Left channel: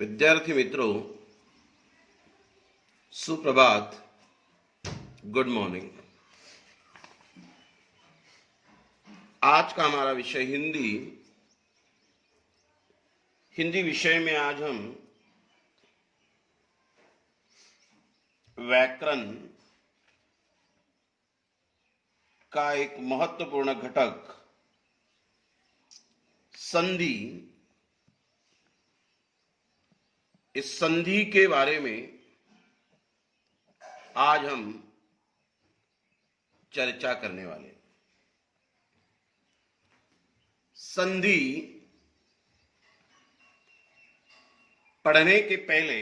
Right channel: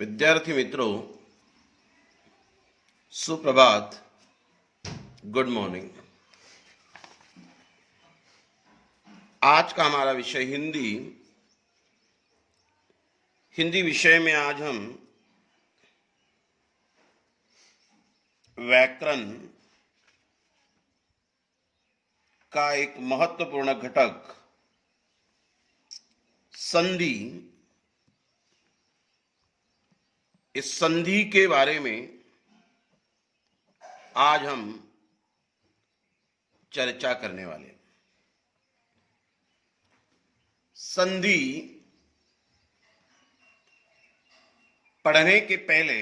विद्यार्थी मित्रों, सुप्रभात, गुड मॉर्निंग। आज का हमारा विषय हिंदी। हिंदी विषय में आज हम व्याकरण का एक महत्वपूर्ण घटक संधि, इस संधि के बारे में आज हम चर्चा करने वाले। संधि पढ़ने के पहले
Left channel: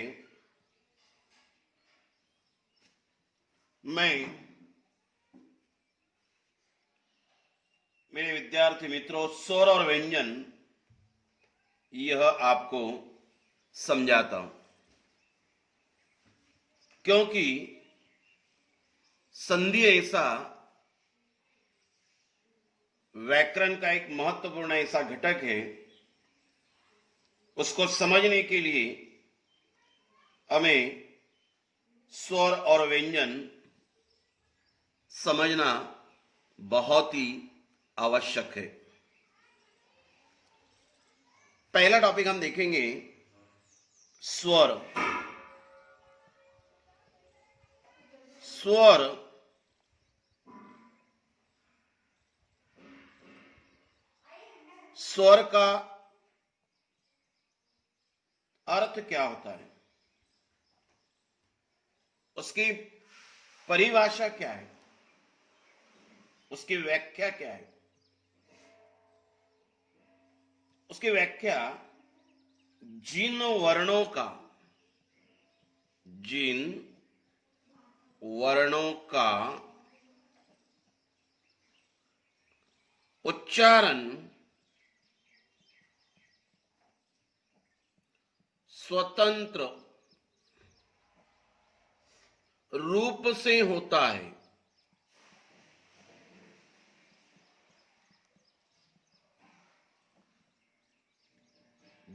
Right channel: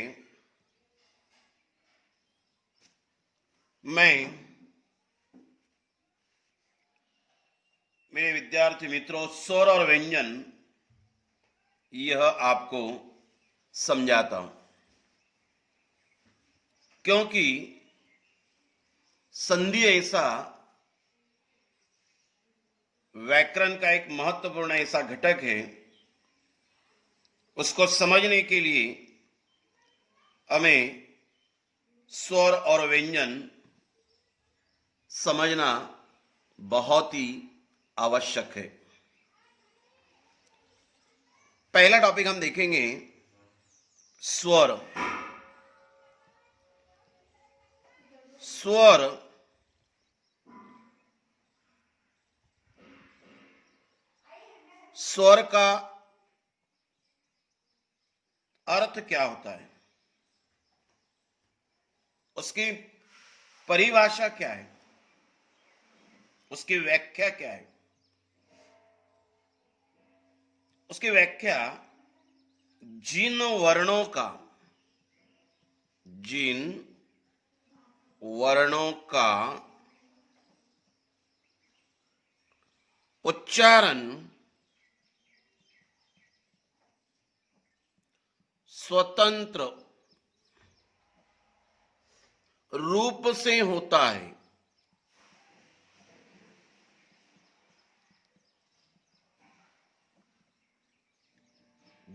मैं मेरे विद्यार्थी मित्रों स्वर और व्यंजन यह आपको समझाता हूं, क्योंकि संधि ऐसा व्याकरण का एक महत्वपूर्ण ऐसा घटक है, उसको समझने के लिए हमें स्वर और व्यंजन समझना बहुत ही आवश्यक है। पहला टॉपिक हम देखेंगे स्वर। स्वर स्वर का अर्थ क्या होता है, उसकी परिभाषा क्या है, उसकी व्याख्या क्या है। उसकी व्याख्या जिन वर्णों का उच्चारण स्वतंत्र रूप से होता है,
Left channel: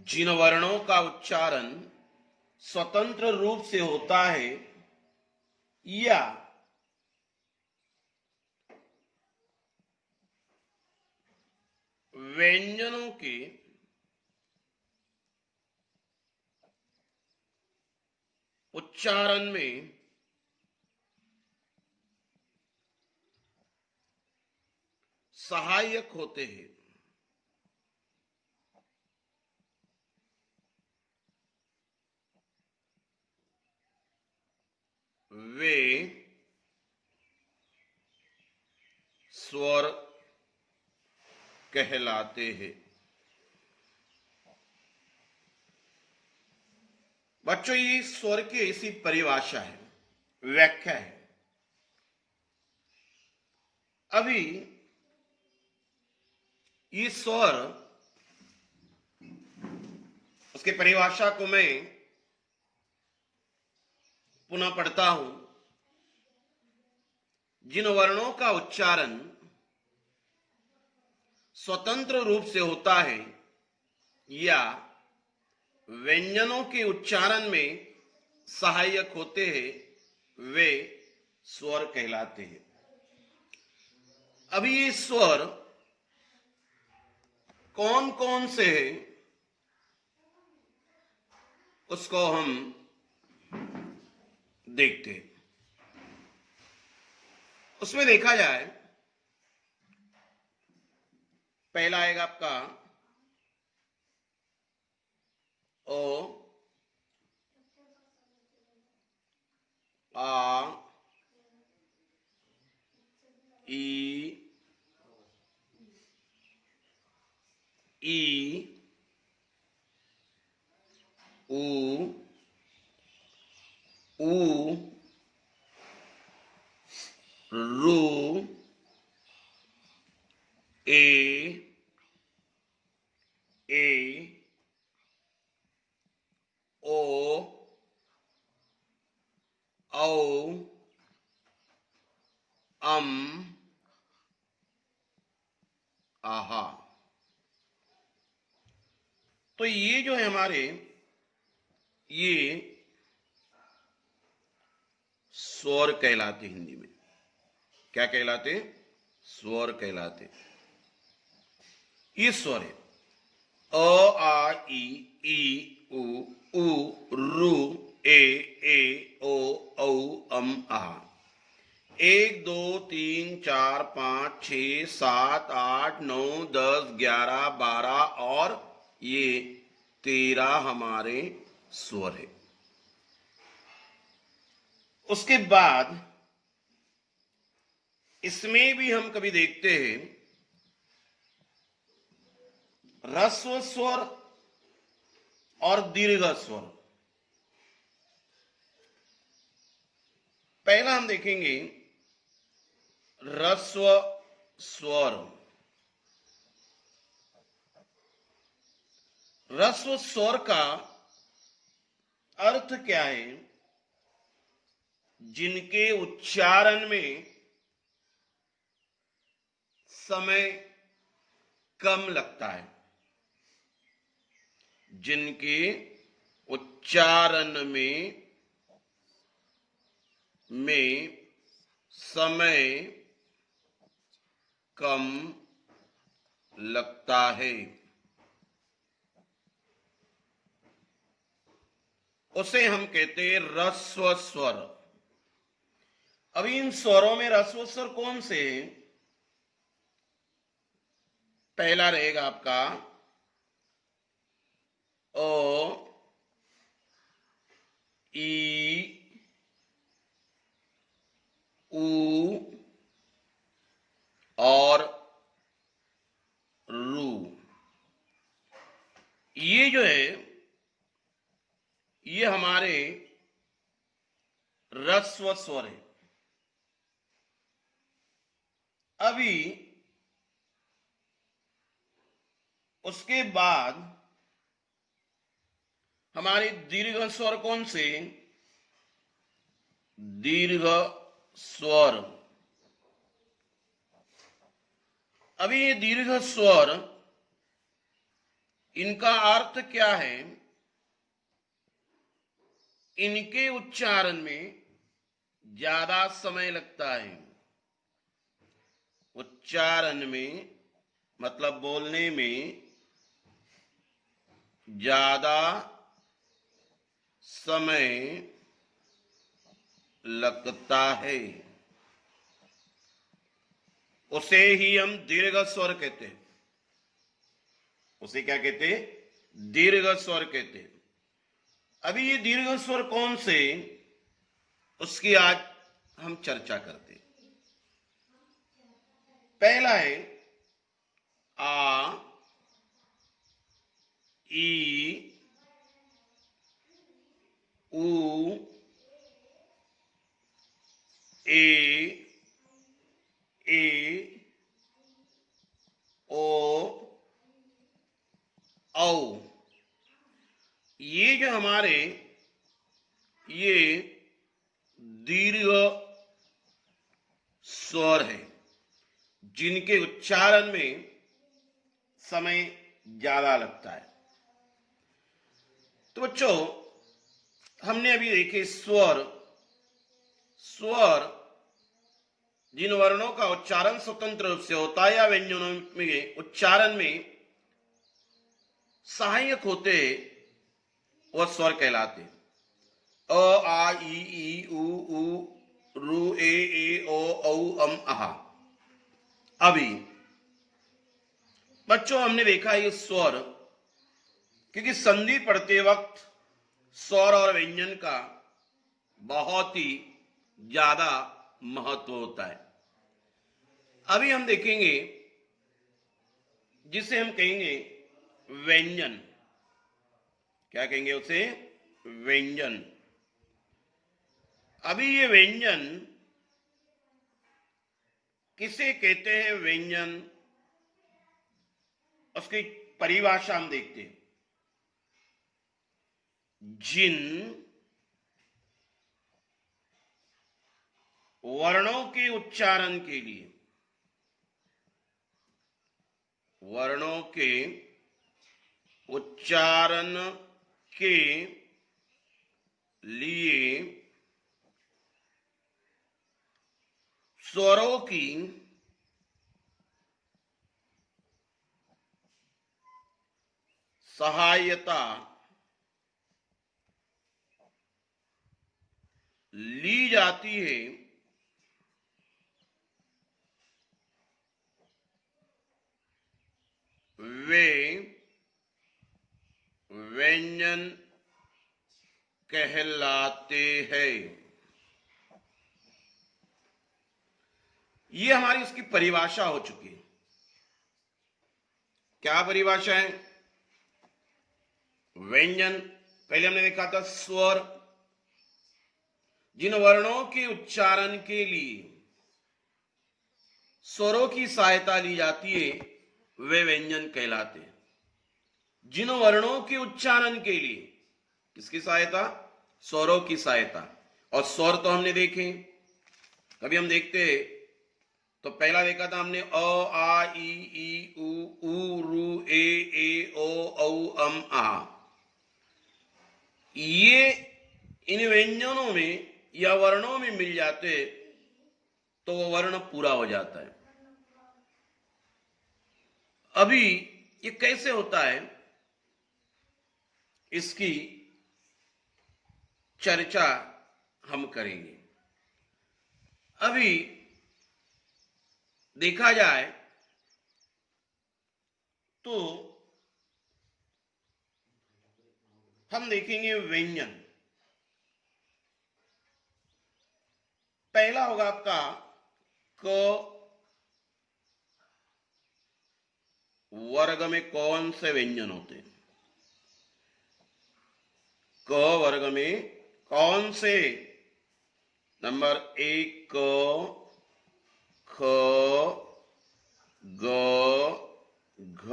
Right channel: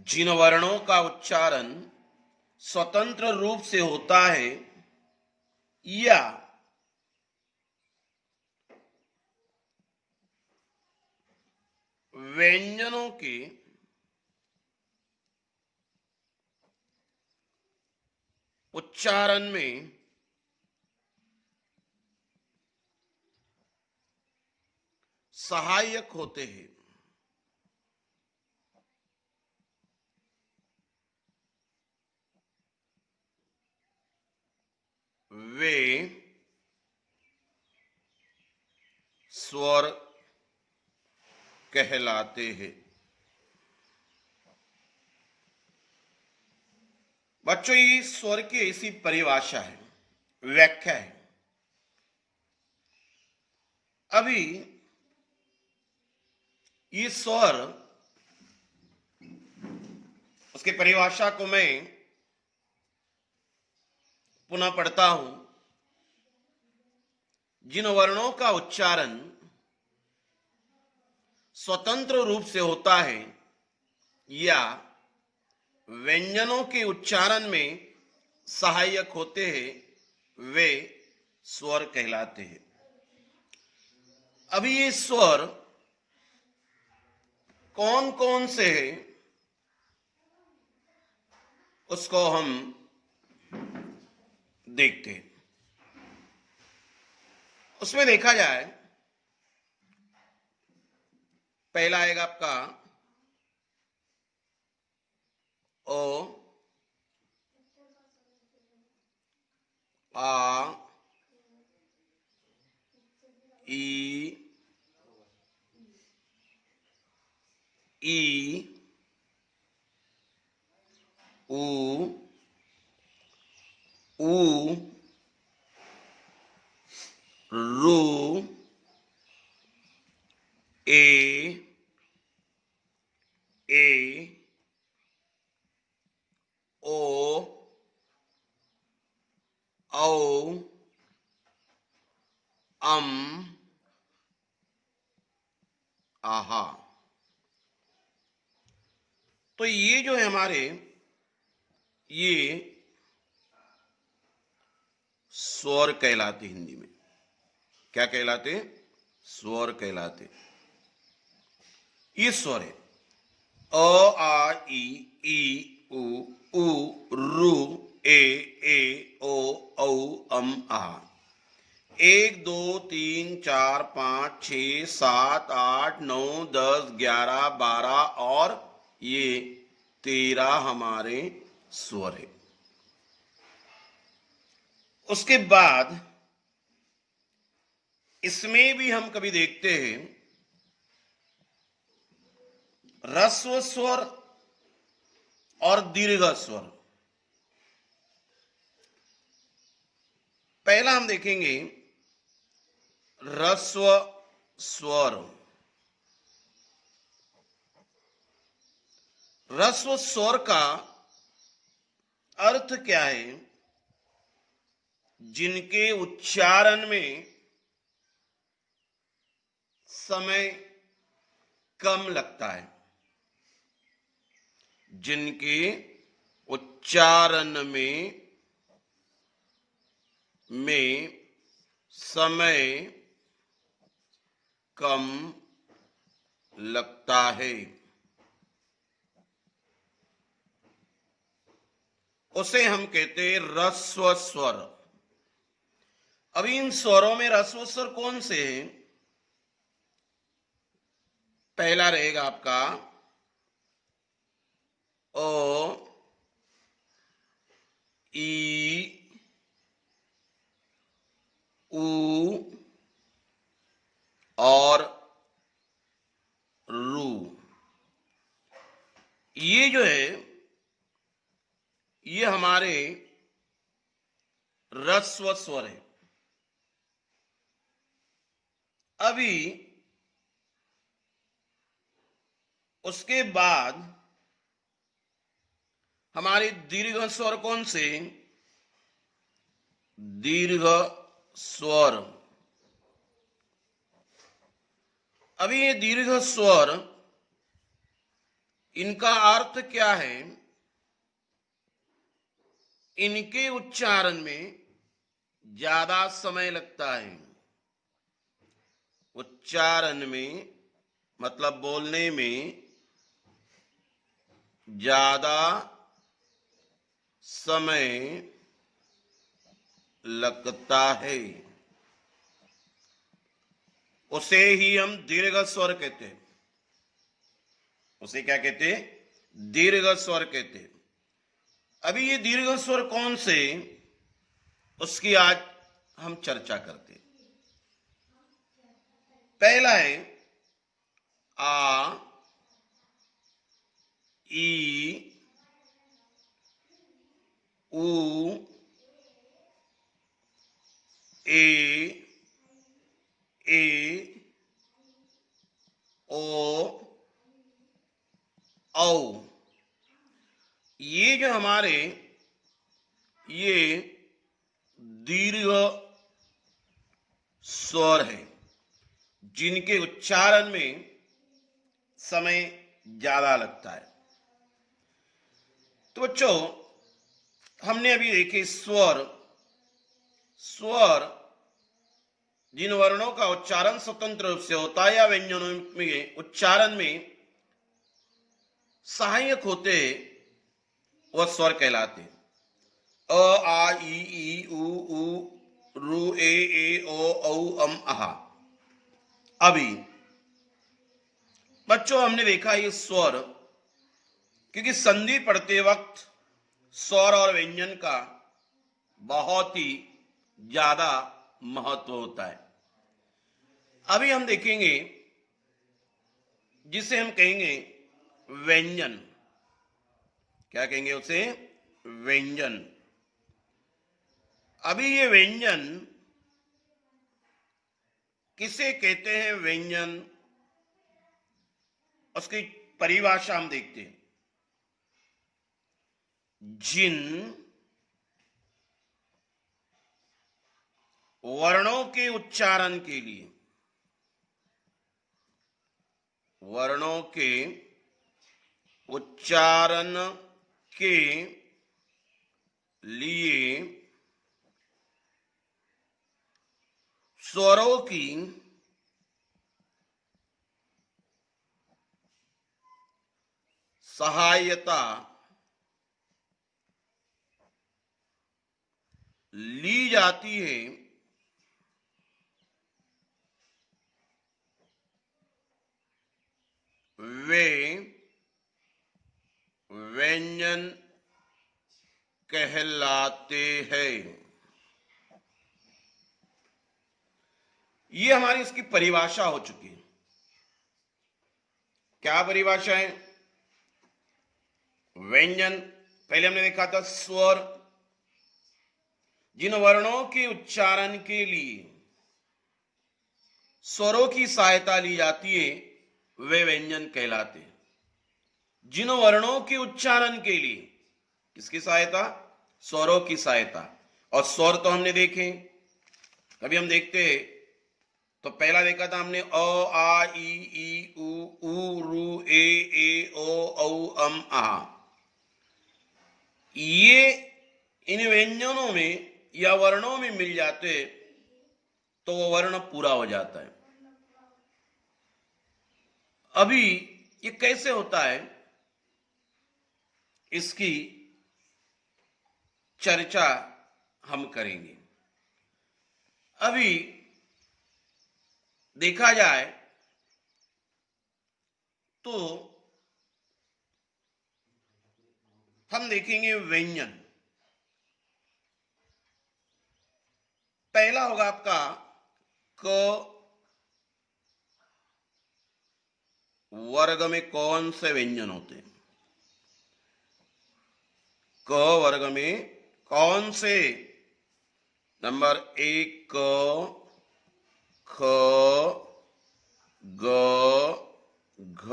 जिन वर्णों का उच्चारण स्वतंत्र रूप से होता है या व्यंजनों के उच्चारण में सहायक होते हैं, वे स्वर कहलाते हैं। बच्चों, ये स्वर की ऐसी परिभाषा है, व्याख्या है। अभी ये स्वर, उसकी परिभाषा को मैं पुनः पढ़ता हूं। जिन वर्णों का उच्चारण स्वतंत्र रूप से होता है या व्यंजनों के उच्चारण में सहायक होते हैं, वे स्वर कहलाते हैं। अभी ये स्वर कौन कौन से हैं, उसको हम देखते हैं। उसमें देखा जाए, पहला आएगा आपका ओ, आ, ई, ऊ, रू, ए, ओ, औ, आहा। तो ये जो है हमारे ये स्वर कहलाते। हिंदी में क्या कहलाते? स्वर कहलाते। ये स्वर है अ आ ई उ रू ए ओ औ आ। 1 2 3 4 5 6 7 8 9 10 11 12 और ये 13 हमारे स्वर है। उसके बाद इसमें भी हम कभी देखते हैं ह्रस्व स्वर और दीर्घ स्वर। पहला हम देखेंगे ह्रस्व स्वर। ह्रस्व स्वर का अर्थ क्या है? जिनके उच्चारण में समय कम लगता है। जिनके उच्चारण में समय कम लगता है, उसे हम कहते हैं ह्रस्व स्वर। अब इन स्वरों में ह्रस्व स्वर कौन से हैं? पहला रहेगा आपका ओ ई ऊ और रू। ये जो है ये हमारे ह्रस्व स्वर है। अभी उसके बाद हमारे दीर्घ स्वर कौन से? दीर्घ स्वर। अभी ये दीर्घ स्वर, इनका अर्थ क्या है? इनके उच्चारण में ज्यादा समय लगता है। उच्चारण में मतलब बोलने में ज्यादा समय लगता है, उसे ही हम दीर्घ स्वर कहते हैं। उसे क्या कहते हैं? दीर्घ स्वर कहते हैं। अभी ये दीर्घ स्वर कौन से, उसकी आज हम चर्चा करते हैं। पहला है आ ई उ ए ओ औ। ये जो हमारे ये दीर्घ स्वर है, जिनके उच्चारण में समय ज्यादा लगता है। तो बच्चों, हमने अभी देखे स्वर। स्वर जिन वर्णों का उच्चारण स्वतंत्र रूप से होता है या व्यंजनों में उच्चारण में सहायक होते वह स्वर कहलाते। अ आ ई उ रू ए ओ औ आ। अभी बच्चों हमने देखा ये स्वर, क्योंकि संधि पढ़ते वक्त स्वर और व्यंजन का बहुत ही ज्यादा महत्व होता है। अभी हम देखेंगे जिसे हम कहेंगे व्यंजन। क्या कहेंगे उसे? व्यंजन। अभी ये व्यंजन किसे कहते हैं? व्यंजन, उसकी परिभाषा हम देखते हैं। जिन वर्णों के उच्चारण के लिए, वर्णों के उच्चारण के लिए स्वरों की सहायता ली जाती है, वे व्यंजन कहलाते हैं। ये हमारी उसकी परिभाषा हो चुकी है। क्या परिभाषा है? व्यंजन, पहले हमने देखा था स्वर, जिन वर्णों के उच्चारण के लिए स्वरों की सहायता ली जाती है वे व्यंजन कहलाते हैं। जिन वर्णों के उच्चारण के लिए किसकी सहायता? स्वरों की सहायता। और स्वर तो हमने देखे, कभी हम देखते तो पहला देखा था हमने अ आ ई उ रू ए ओ औ अम आ। ये इन व्यंजनों में या वर्णों में मिल जाते तो वो वर्ण पूरा हो जाता है। अभी ये कैसे होता है इसकी चर्चा हम करेंगे। अभी देखा जाए तो हम देखेंगे व्यंजन। पहला होगा आपका क वर्ग में कौन से व्यंजन होते हैं? क वर्ग में कौन से? नंबर 1 क, ख, ग, घ,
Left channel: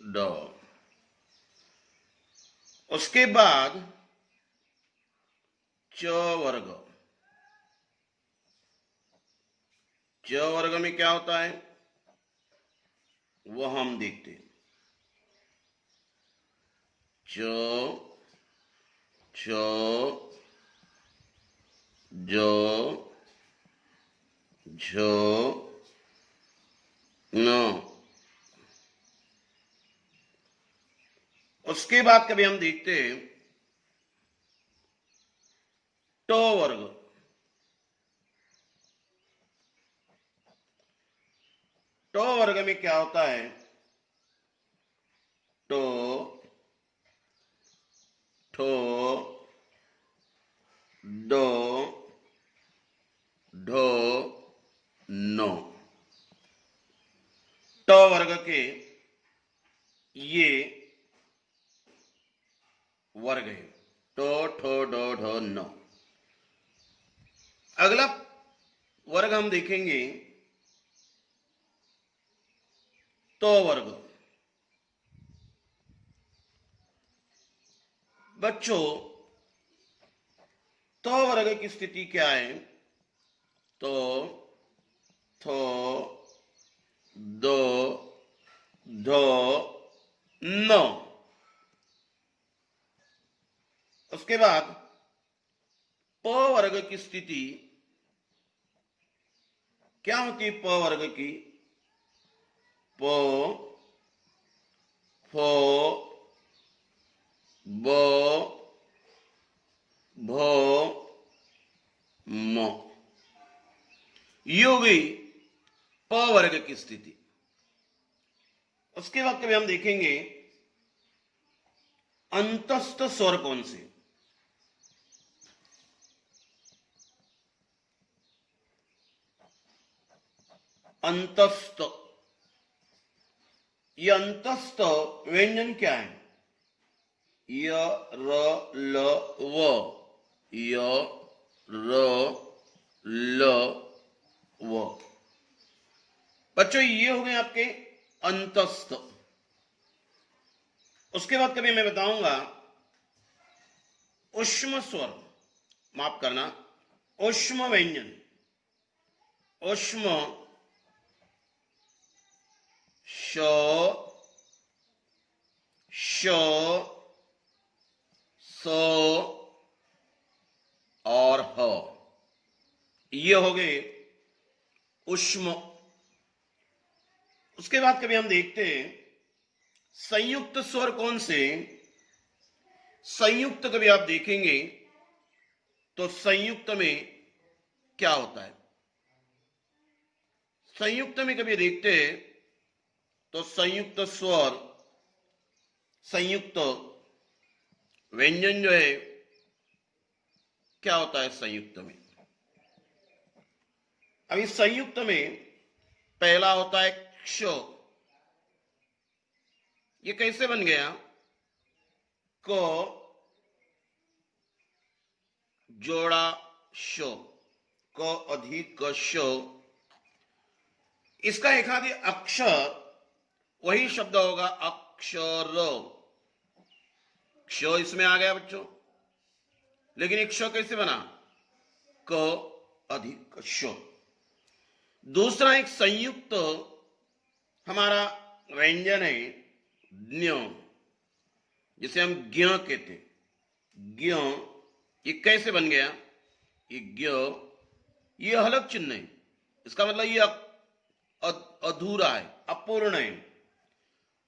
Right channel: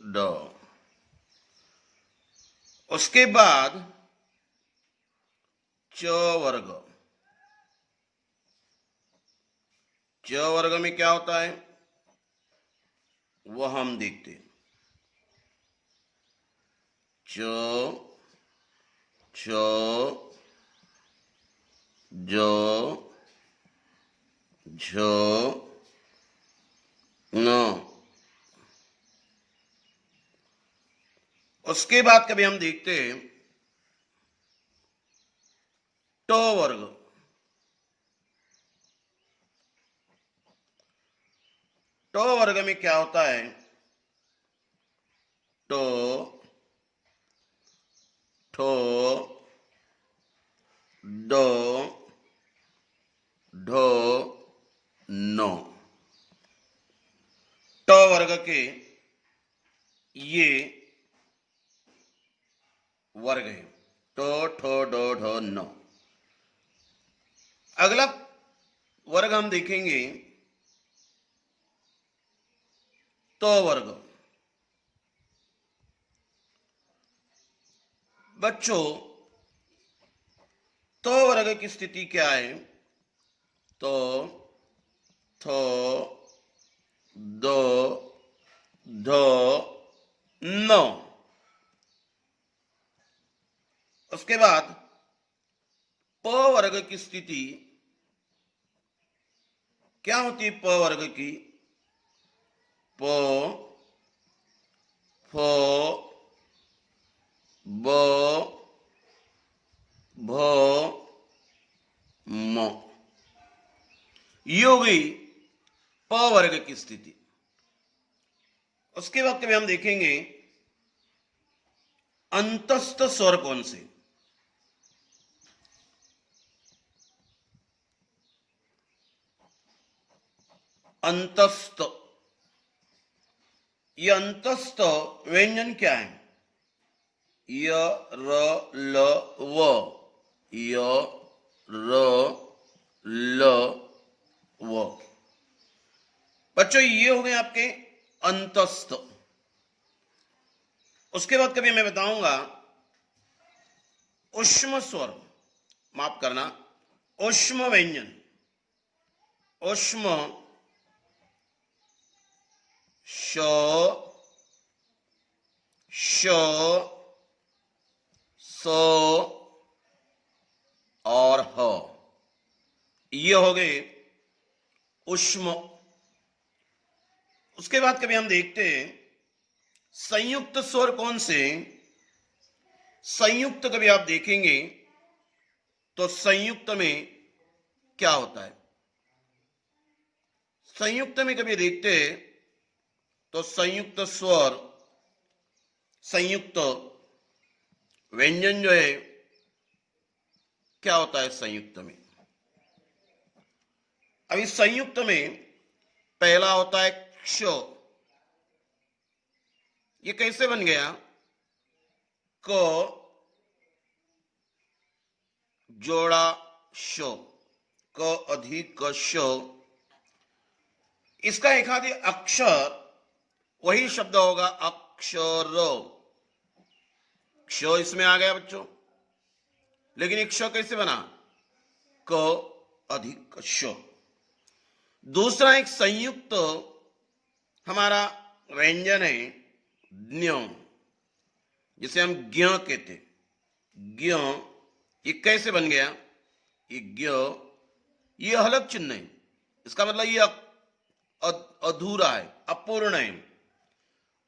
ड। उसके बाद च वर्ग। च वर्ग में क्या होता है वह हम देखते हैं। च, छ, ज, झ, न। उसके बाद कभी हम देखते हैं ट वर्ग। ट वर्ग में क्या होता है? ट, ठो, ड, ढ, न। ट वर्ग के ये वर्ग है, ट, ठ, ड, ढ, न। अगला वर्ग हम देखेंगे तो वर्ग। बच्चों तो वर्ग की स्थिति क्या है? तो, थो, दो, धो, नो। उसके बाद प वर्ग की स्थिति क्या होती है? प वर्ग की प, फ, ब, भ, म। ये हो गई प वर्ग की स्थिति। उसके बाद कभी हम देखेंगे अंतस्थ स्वर कौन से? अंतस्थ। ये अंतस्थ व्यंजन क्या है? य, र, ल, व। य, र, ल, व। बच्चों ये हो गए आपके अंतस्थ। उसके बाद कभी मैं बताऊंगा ऊष्म स्वर, माफ करना, ऊष्म व्यंजन। ऊष्म श, श, स, और ह, ये हो गए उष्म। उसके बाद कभी हम देखते हैं संयुक्त स्वर कौन से। संयुक्त कभी आप देखेंगे तो संयुक्त में क्या होता है। संयुक्त में कभी देखते हैं तो संयुक्त स्वर, संयुक्त व्यंजन जो है क्या होता है संयुक्त में। अभी संयुक्त में पहला होता है क्ष। ये कैसे बन गया, क जोड़ा श, क अधिक क श। इसका एक आदि अक्षर वही शब्द होगा अक्षर। क्ष इसमें आ गया बच्चों, लेकिन एक क्ष कैसे बना, क अधिक श। दूसरा एक संयुक्त हमारा व्यंजन है ज्ञ, जिसे हम ज्ञ कहते। ज्ञ ये कैसे बन गया, ये ज्ञ, ये हलक चिन्ह है, इसका मतलब ये अधूरा है, अपूर्ण है।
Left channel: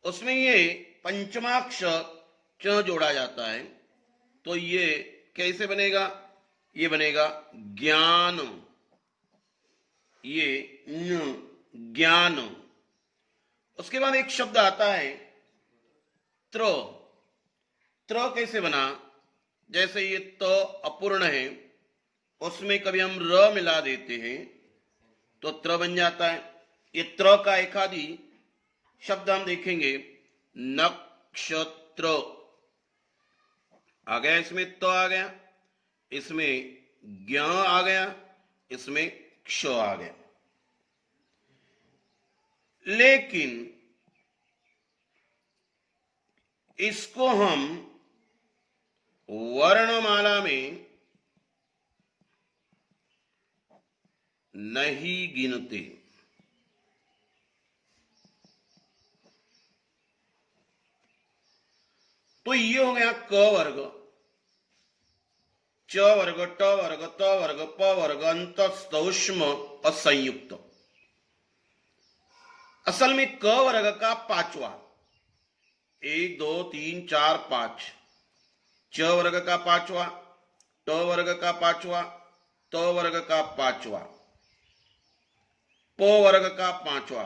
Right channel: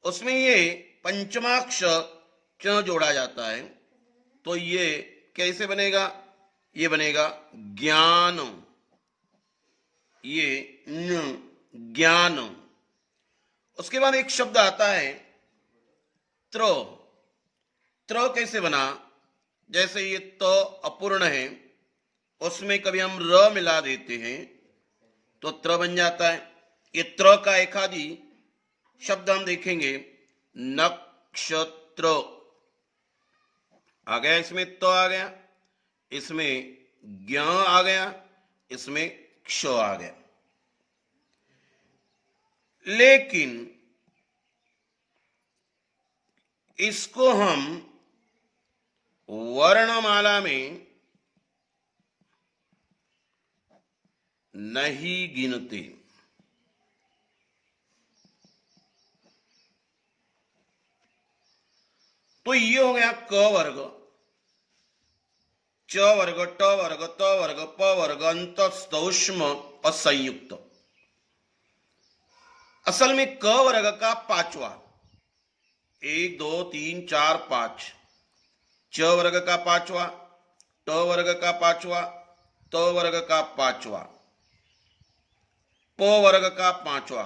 उसमें ये पंचमाक्षर च जोड़ा जाता है, तो ये कैसे बनेगा, ये बनेगा ज्ञान। ये न ज्ञान। उसके बाद एक शब्द आता है त्र। त्र कैसे बना, जैसे ये त अपूर्ण है, उसमें कभी हम र मिला देते हैं तो त्र बन जाता है। ये त्र का एक आदि शब्द हम देखेंगे नक्षत्र। आ गया, इसमें त आ गया, इसमें ज्ञ आ गया, इसमें क्ष आ गया। लेकिन इसको हम वर्णमाला में नहीं गिनते। तो ये हो गया क वर्ग, च वर्ग, ट वर्ग, त वर्ग, प वर्ग, अंतस्थ, ऊष्म और संयुक्त। असल में क वर्ग का पांचवा, 1 2 3 4 5, च वर्ग का पांचवा, ट वर्ग का पांचवा, त वर्ग का पांचवा, प वर्ग का पांचवा।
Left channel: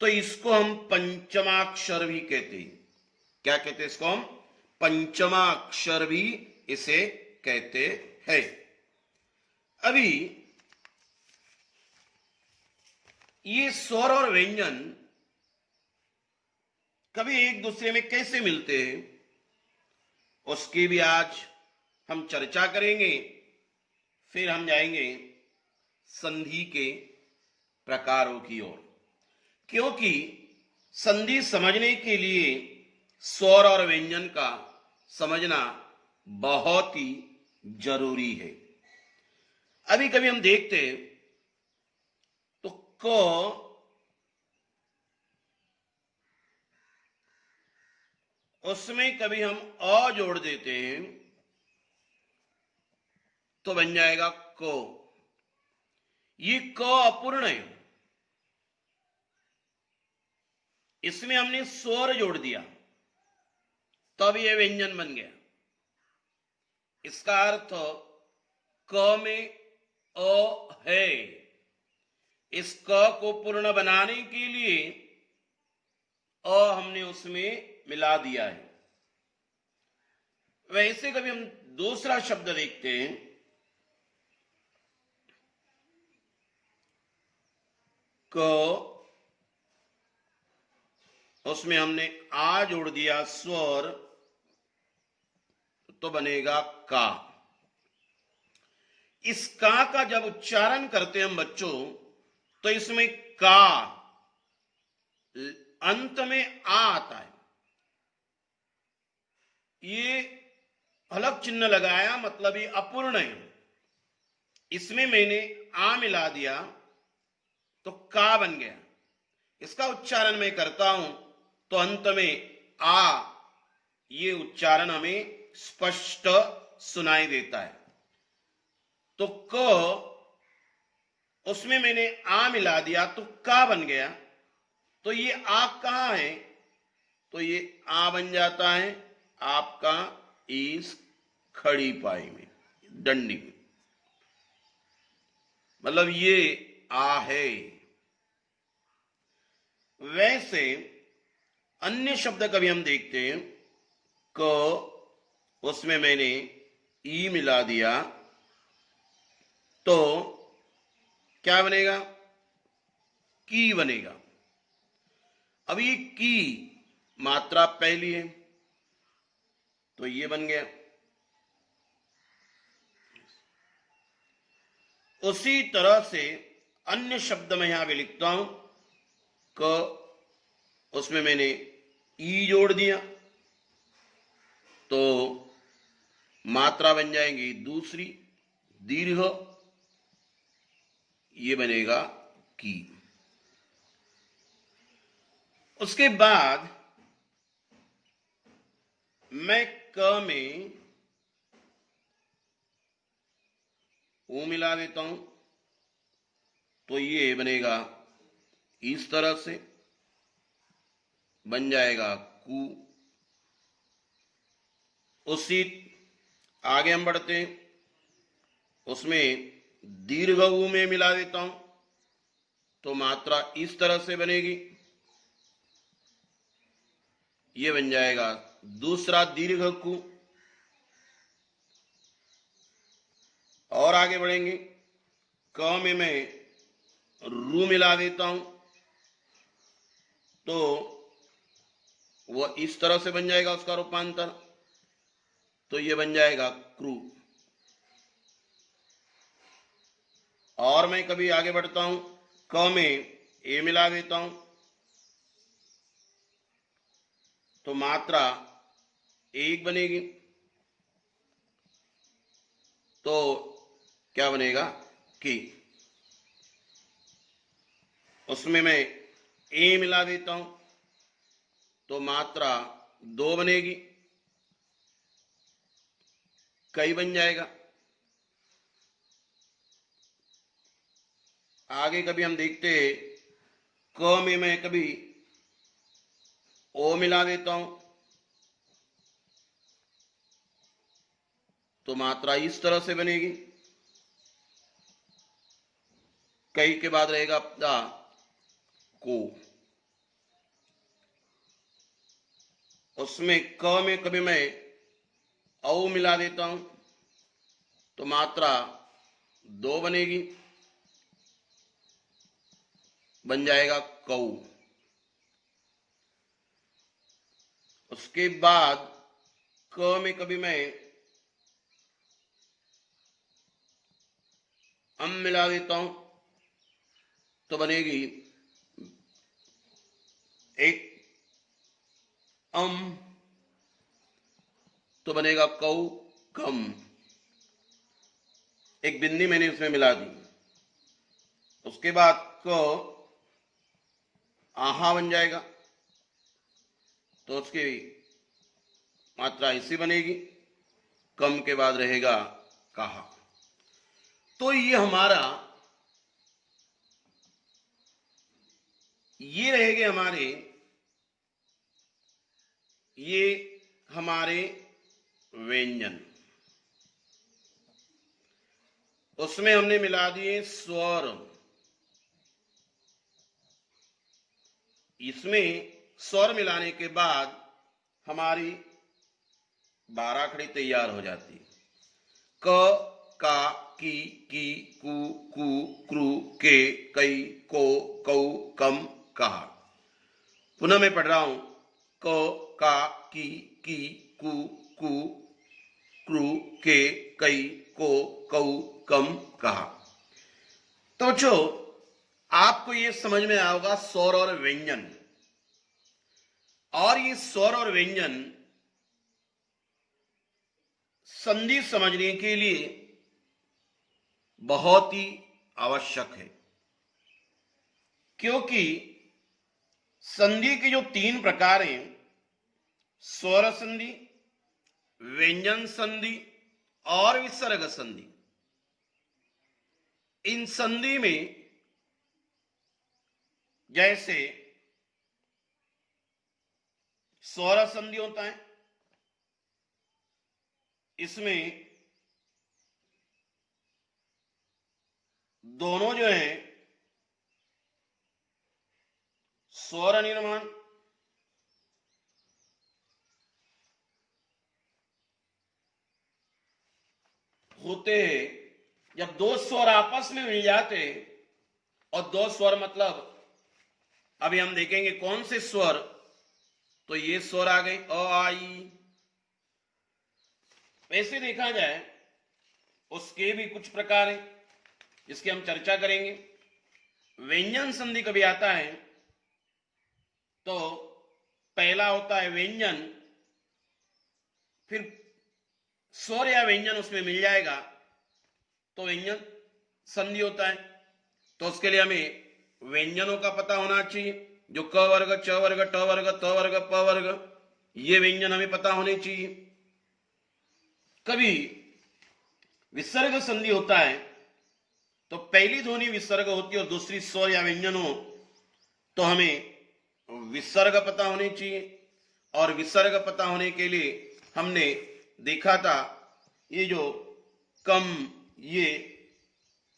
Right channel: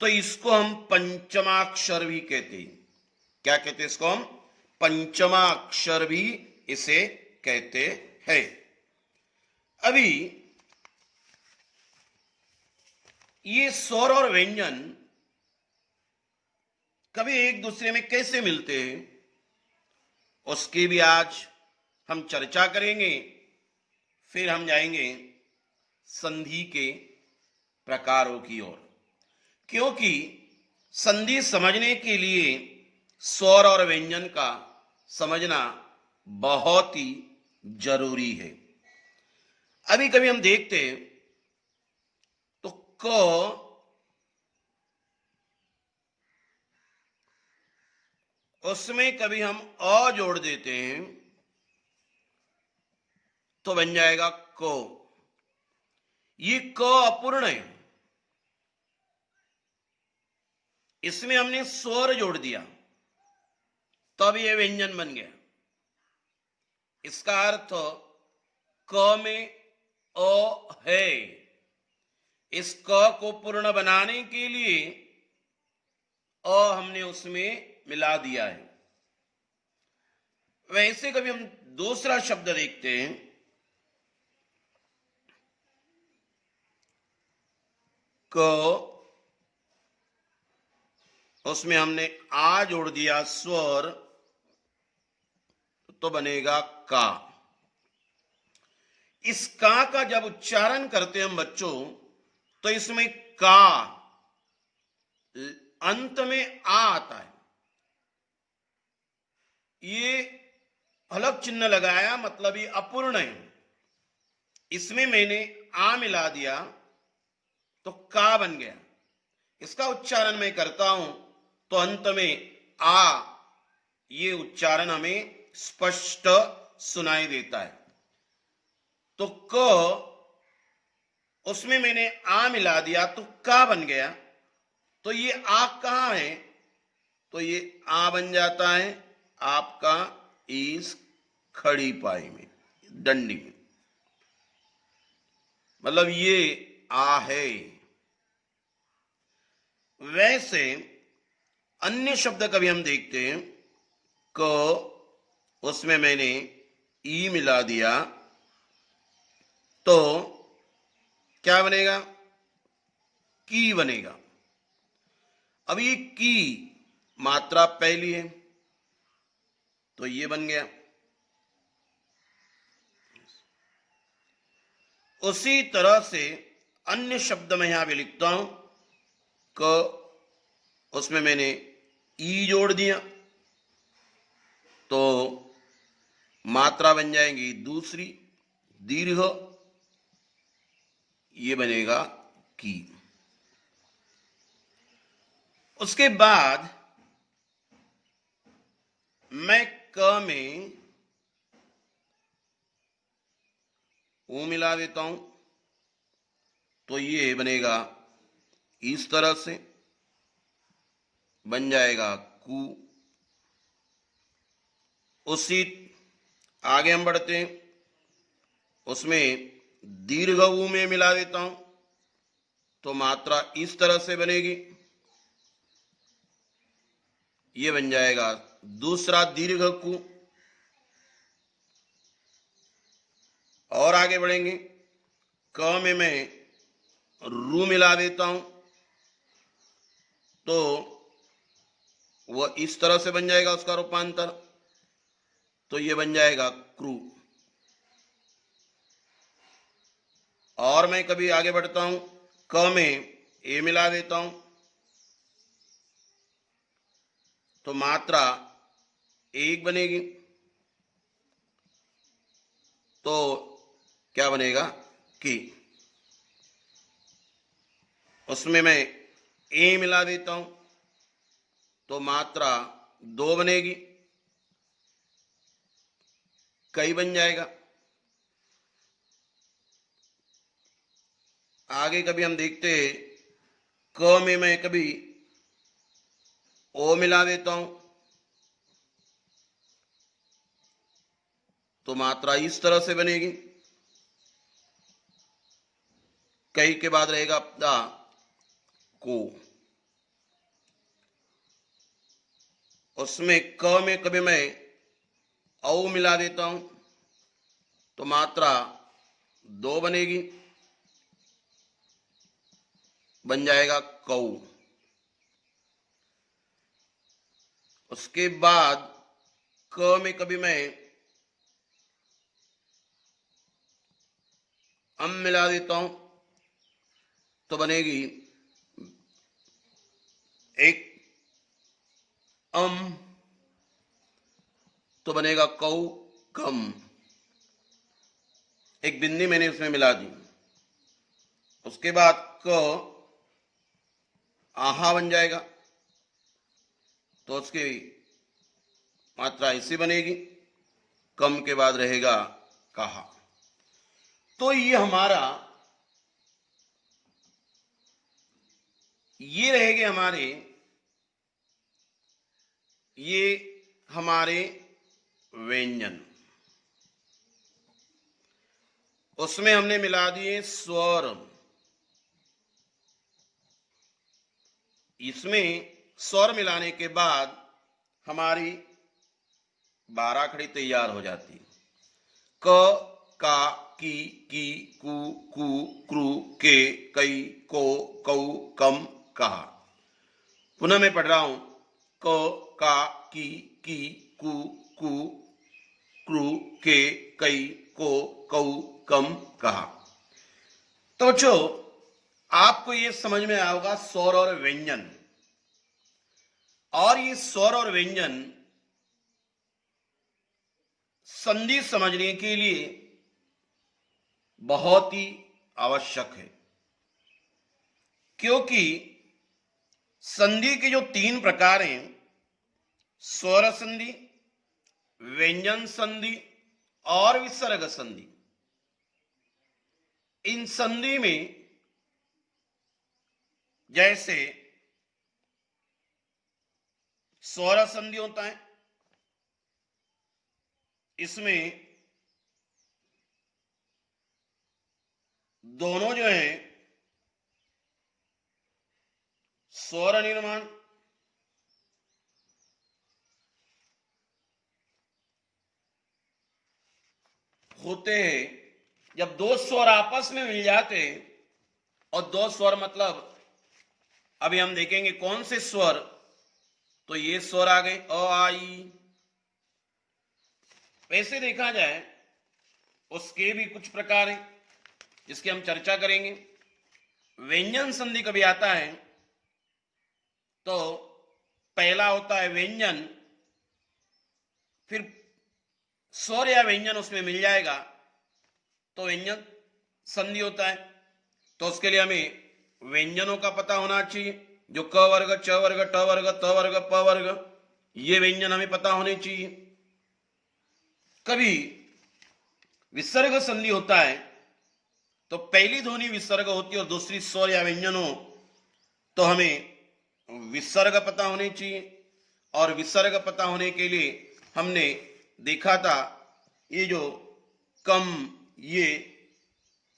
तो इसको हम पंचमाक्षर भी कहते हैं। क्या कहते हैं इसको हम, पंचमाक्षर भी इसे कहते हैं। अभी ये स्वर और व्यंजन कभी एक दूसरे में कैसे मिलते हैं, उसकी भी आज हम चर्चा करेंगे। फिर हम जाएंगे संधि के प्रकारों की ओर, क्योंकि संधि समझने के लिए स्वर और व्यंजन का समझना बहुत ही जरूरी है। अभी कभी हम देखते हैं तो क उसमें कभी हम अ जोड़ देते हैं तो बन जाएगा को। ये क अपूर्ण है, इसमें हमने स्वर जोड़ दिया तब ये व्यंजन बन गया। इसका अर्थ क में अ है, इस क को पूर्ण बनाने के लिए अ हमने उसमें मिला दिया है। वैसे कभी हम दूसरा शब्द देखते हैं, क, उसमें हमने आ जोड़ दिया स्वर, तो बनेगा का। इस का जब उच्चारण करते हैं हम बच्चों, तो इसमें का अंत में आ आता है। ये अलग चिन्ह लगाया, मतलब ये अपूर्ण है, इसमें मैंने आ मिला दिया तो का बन गया। इसका उच्चारण मैं करता हूं तो अंत में आ, ये उच्चारण हमें स्पष्ट सुनाई देता है। तो क, उसमें मैंने आ मिला दिया तो का बन गया। तो ये आ कहां है, तो ये आ बन जाता है आपका इस खड़ी पाई में, डंडी में, मतलब ये आ है। वैसे अन्य शब्द कभी हम देखते हैं, क, उसमें मैंने ई मिला दिया तो क्या बनेगा, की बनेगा। अब ये की मात्रा पहली है तो ये बन गया। उसी तरह से अन्य शब्द में यहां भी लिखता हूं, क, उसमें मैंने ई जोड़ दिया तो मात्रा बन जाएंगी दूसरी दीर्घ, ये बनेगा की। उसके बाद मैं क में ऊ मिला देता हूं तो ये बनेगा इस तरह से, बन जाएगा कु। उसी आगे हम बढ़ते हैं, उसमें दीर्घ ऊ में मिला देता हूं तो मात्रा इस तरह से बनेगी, ये बन जाएगा दूसरा दीर्घ कु। और आगे बढ़ेंगे, क में मैं रू मिला देता हूं तो वह इस तरह से बन जाएगा उसका रूपांतर, तो यह बन जाएगा क्रू। और मैं कभी आगे बढ़ता हूं, क में ए मिला देता हूं तो मात्रा एक बनेगी, तो क्या बनेगा कि। उसमें मैं ए मिला देता हूं तो मात्रा दो बनेगी, कई बन जाएगा। आगे कभी हम देखते हैं, क में मैं कभी ओ मिला देता हूं तो मात्रा इस तरह से बनेगी, कई के बाद रहेगा दा को। उसमें क में कभी मैं औ मिला देता हूं तो मात्रा दो बनेगी, बन जाएगा कौ। उसके बाद क में कभी मैं अम मिला देता हूं तो बनेगी एक अम, तो बनेगा कौ कम। एक बिंदी मैंने इसमें मिला दी। उसके बाद क आहा बन जाएगा तो उसकी मात्रा ऐसी बनेगी, कम के बाद रहेगा कहा। तो ये रहेंगे हमारे व्यंजन। उसमें हमने मिला दिए स्वर। इसमें स्वर मिलाने के बाद हमारी 12 खड़ी तैयार हो जाती है। क, का, की, कु, क्रू, के, कई, को, कौ, कम, कहा। पुनः मैं पढ़ रहा हूं, क, का, की, कु, क्रू, के, कई, को, कौ, कम, कहा। तो जो आपको ये समझ में आएगा स्वर और व्यंजन, और ये स्वर और व्यंजन संधि समझने के लिए बहुत ही आवश्यक है, क्योंकि संधि के जो 3 प्रकार हैं, स्वर संधि, व्यंजन संधि और विसर्ग संधि, इन संधि में जैसे स्वर संधि होता है, इसमें दोनों जो है स्वर निर्माण होते हैं। जब दो स्वर आपस में मिल जाते हैं, और दो स्वर मतलब अभी हम देखेंगे कौन से स्वर, तो ये स्वर आ गए अ आ ई। वैसे देखा जाए उसके भी कुछ प्रकार हैं जिसकी हम चर्चा करेंगे। व्यंजन संधि कभी आता है तो पहला होता है व्यंजन, फिर स्वर या व्यंजन उसमें मिल जाएगा तो व्यंजन संधि होता है। तो उसके लिए हमें व्यंजनों का पता होना चाहिए, जो क वर्ग, च वर्ग, ट वर्ग, त वर्ग, प वर्ग, ये व्यंजन हमें पता होने चाहिए। कभी विसर्ग संधि होता है तो पहली ध्वनि विसर्ग होती है और दूसरी स्वर या व्यंजन हो, तो हमें विसर्ग पता होने चाहिए। और विसर्ग पता होने के लिए हमने देखा था ये जो कम, ये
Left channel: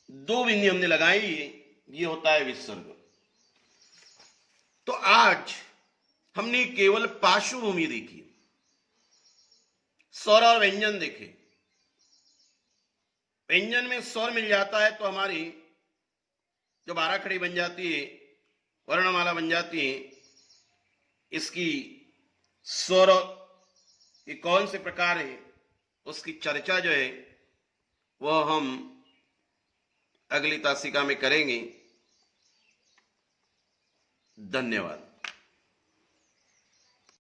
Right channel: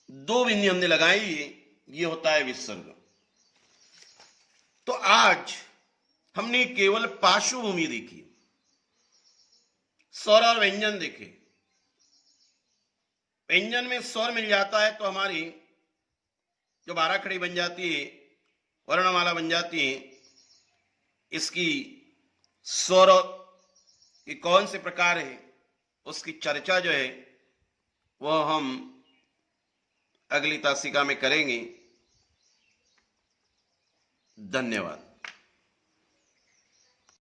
दो बिंदी हमने लगाई है, ये होता है विसर्ग। तो आज हमने केवल पार्श्वभूमि देखी, स्वर और व्यंजन देखे। व्यंजन में स्वर मिल जाता है तो हमारी जो 12 खड़ी बन जाती है, वर्णमाला बन जाती है। इसकी स्वर ये कौन से प्रकार है उसकी चर्चा जो है वह हम अगली तासिका में करेंगे। धन्यवाद।